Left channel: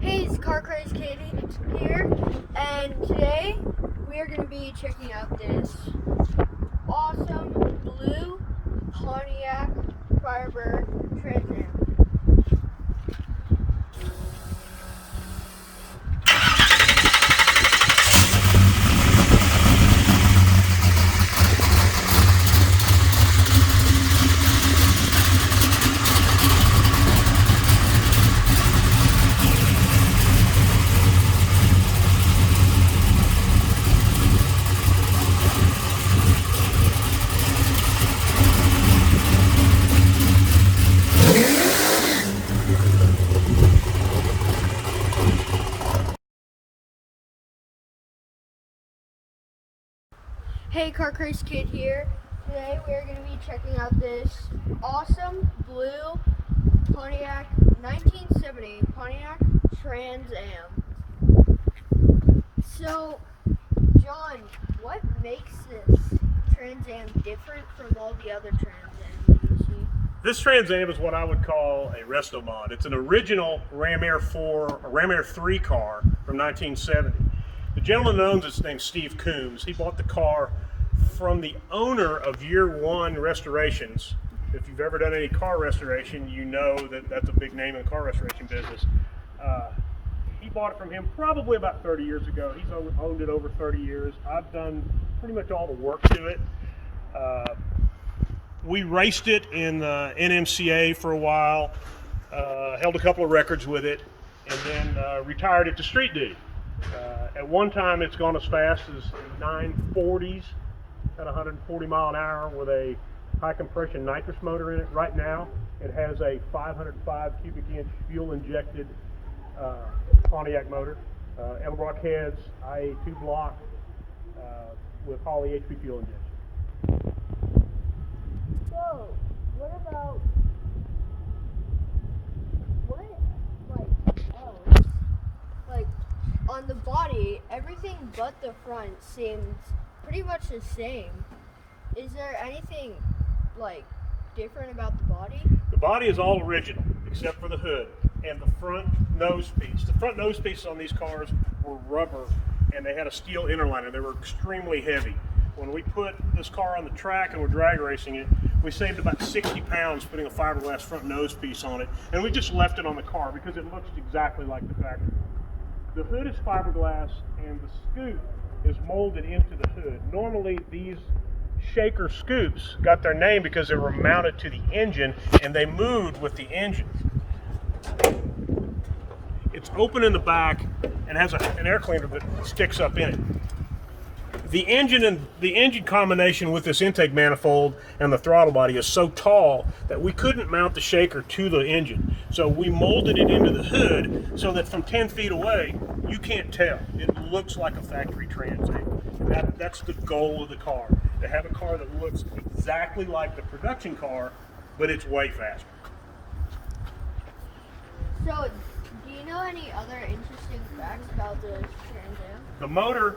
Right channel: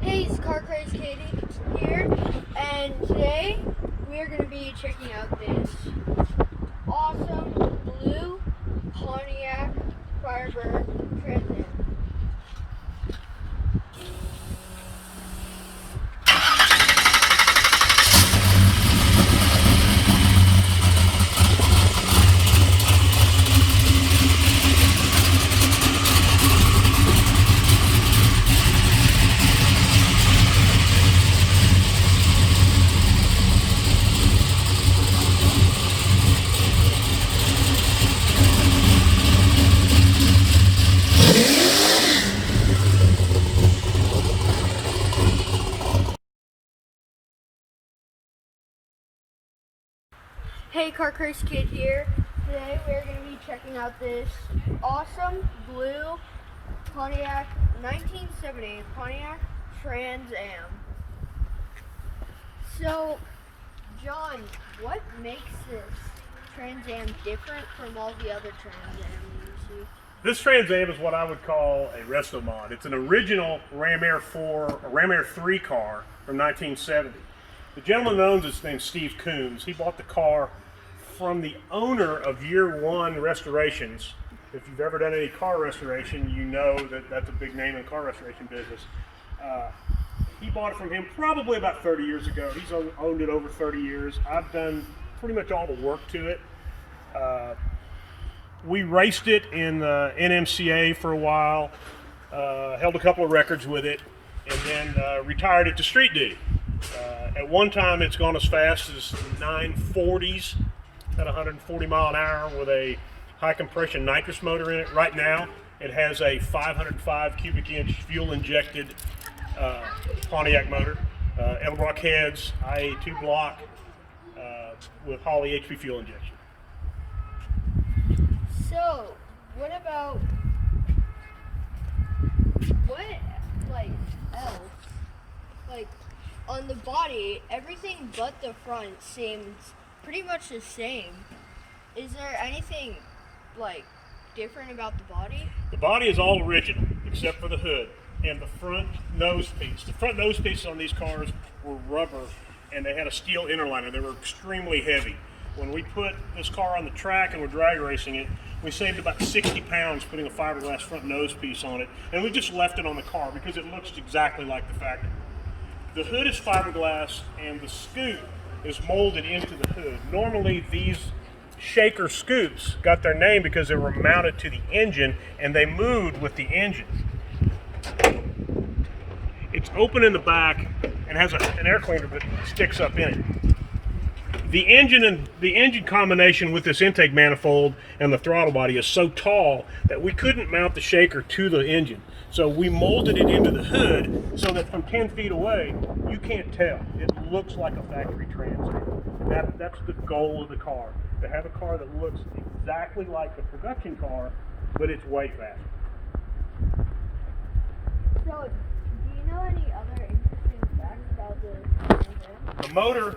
Hey, it's CARCRAZEDKID here, and today we are going to be checking out this awesome blue Pontiac Firebird Trans Am. Hey, CARCRAZEDKID here. Today we are going to be checking out this awesome blue Pontiac 1970 Pontiac Trans Am. So, John, what makes this Trans Am different from all the other Trans Am you see? This Trans Am is what I would call a Restomod. It's an original Ram Air 4 or Ram Air 3 car from 1970. The gentleman that owns this named Steve Coombs. He bought the car from the owner of Year One Restorations. If you've ever done any car restoration, you know that that's a big name in the car restoration business. He bought it from him probably about 30 years ago. He's owned it over 30 years. I've done pretty much all the work to it. We raced it in the NMCA for a while, held a couple of records with it, and then retired it to street duty. At one time, it's gone as fast as 940s at 140 mile an hour with a high compression nitrous motor in it. Right now, it has a 505 cubic inch fuel injected Pontiac motor, Edelbrock heads, IA2 block with Holley HP fuel injection. So, what about else? Like, on the body, everything but the front seems pretty much the same. Is there anything, different about the body? The body is all original, except for the hood and the front nose piece. The front nose pieces on these cars were rubber, and they had a steel interliner. They were extremely heavy. When we put this car on the track and we're drag racing it, we saved about 60 pounds putting a fiberglass front nose piece on it, and we just left it on the car because it looks exactly like the factory. The hood is fiberglass, and the scoop is molded into the hood. Normally, these shaker scoops got their name because they were mounted to the engine, and they moved with the engine. It's open in the back and has an air cleaner that sticks up in it. The engine combination with this intake manifold and the throttle body is so tall that we couldn't mount the shaker to the engine. So we molded it into the hood so that from 10 feet away, you can't tell. It looks like a factory Trans Am. And that's the goal of the car, to have a car that looks exactly like the production car, but it's way faster. So, do you know any other interesting facts about the Trans Am? The motor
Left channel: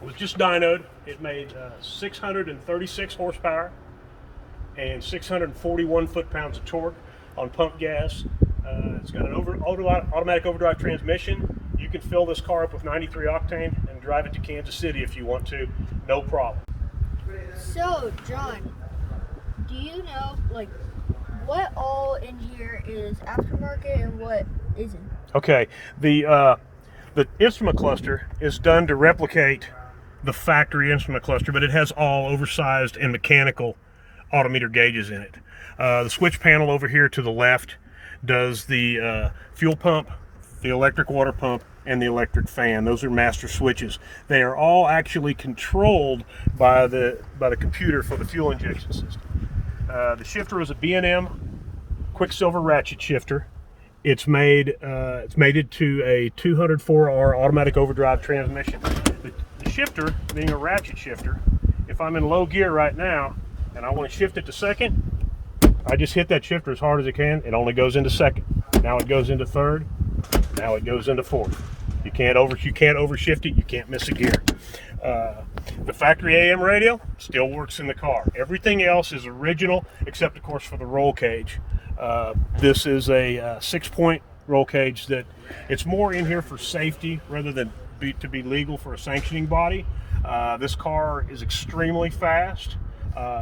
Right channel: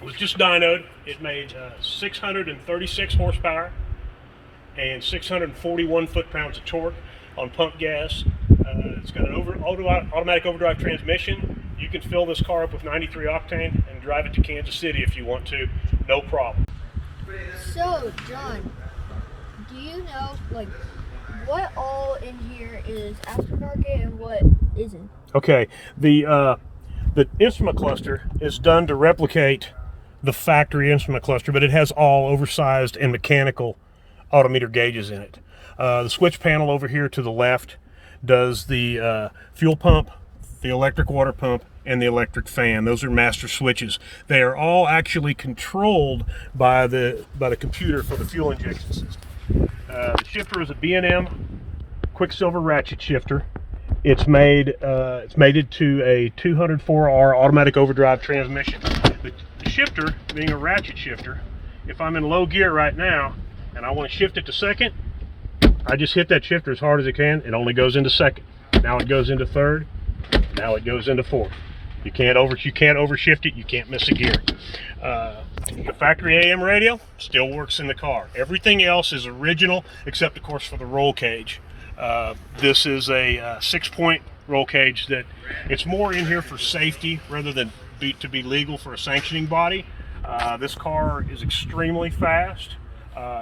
was just dynoed. It made 636 horsepower and 641 foot-pounds of torque on pump gas. It's got an automatic overdrive transmission. You can fill this car up with 93 octane and drive it to Kansas City if you want to, no problem. So, John, do you know, what all in here is aftermarket and what isn't? Okay, the instrument cluster is done to replicate the factory instrument cluster, but it has all oversized and mechanical autometer gauges in it. The switch panel over here to the left does the fuel pump, the electric water pump, and the electric fan. Those are master switches. They are all actually controlled by the computer for the fuel injection system. The shifter is a B&M Quicksilver ratchet shifter. It's mated to a 204R automatic overdrive transmission. The shifter, being a ratchet shifter, if I'm in low gear right now and I want to shift it to second, I just hit that shifter as hard as I can. It only goes into second. Now it goes into third. Now it goes into fourth. You can't overshift it. You can't miss a gear. The factory AM radio still works in the car. Everything else is original, except of course for the roll cage. This is a 6-point roll cage that it's more in here for safety rather than to be legal for a sanctioning body. This car is extremely fast.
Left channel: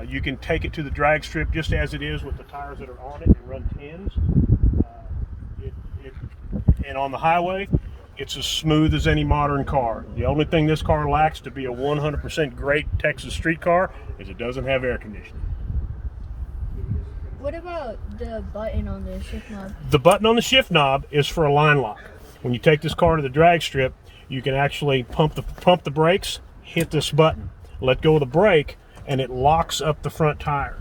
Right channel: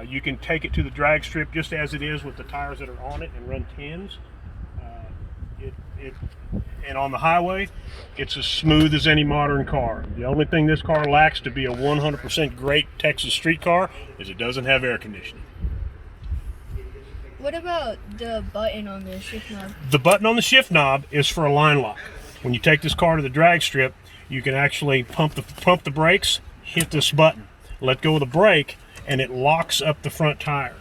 You can take it to the drag strip just as it is with the tires that are on it and run 10s. And on the highway, it's as smooth as any modern car. The only thing this car lacks to be a 100% great Texas street car is it doesn't have air conditioning. What about the button on the shift knob? The button on the shift knob is for a line lock. When you take this car to the drag strip, you can actually pump the brakes, hit this button, let go of the brake, and it locks up the front tires.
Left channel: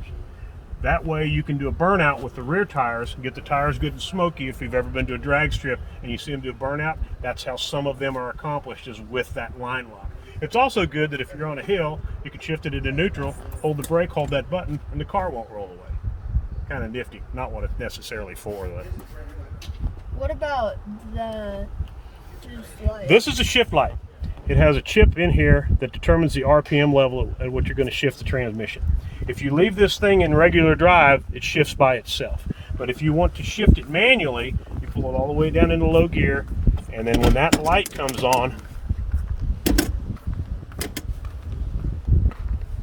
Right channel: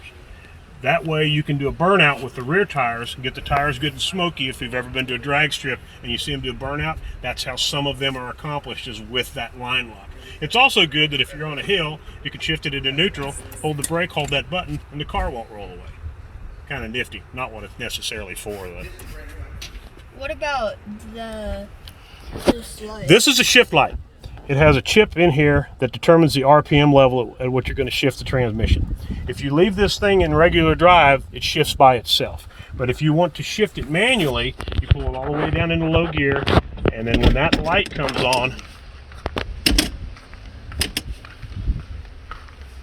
That way you can do a burnout with the rear tires and get the tires good and smoky. If you've ever been to a drag strip and you see them do a burnout, that's how some of them are accomplished, is with that line lock. It's also good that if you're on a hill, you can shift it into neutral, hold the brake, hold that button, and the car won't roll away. Kind of nifty. Not what it's necessarily for, though. What about this light? This is a shift light. It has a chip in here that determines the RPM level at which you're going to shift the transmission. If you leave this thing in regular drive, it shifts by itself. But if you want to shift it manually, you pull it all the way down into low gear, and then when that light comes on,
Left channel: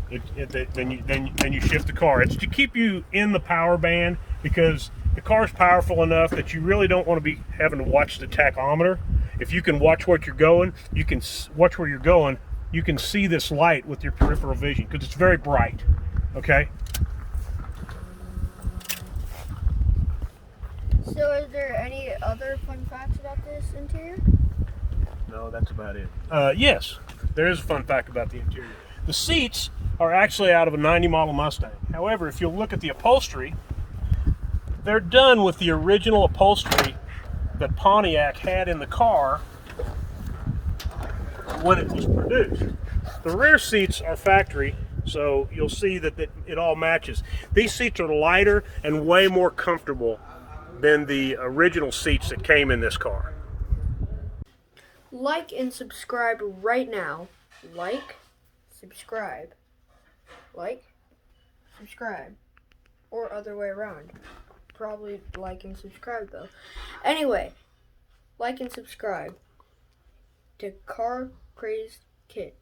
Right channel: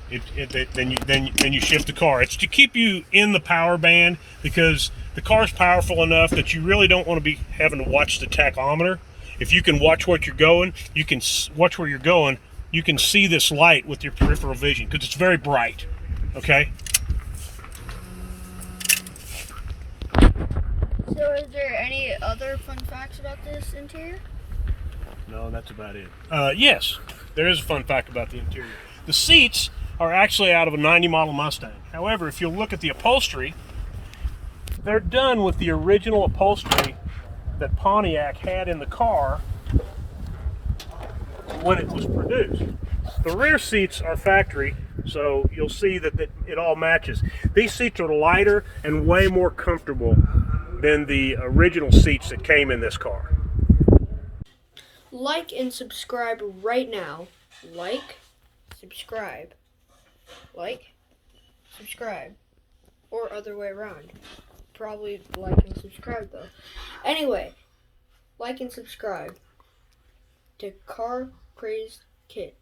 then you shift the car. It's to keep you in the power band, because the car's powerful enough that you really don't want to be having to watch the tachometer. If you can watch what you're going, you can watch where you're going. You can see this light with your peripheral vision because it's very bright. Okay. So, is there any other fun facts about this interior? No, that's about it. Yes, there is a fun fact about the interior. The seats are actually out of a 90 model Mustang. However, if you look at the upholstery, they're done with the original upholstery that Pontiac had in the car when it was produced. The rear seats are factory, so you'll see that it all matches. These seats are lighter and way more comfortable than the original seats that came in this car. Like and subscribe right now. Like, subscribe. Like, subscribe. Or other way around. Probably like and subscribe though. Anyway, like and subscribe to Car Crazed Kid.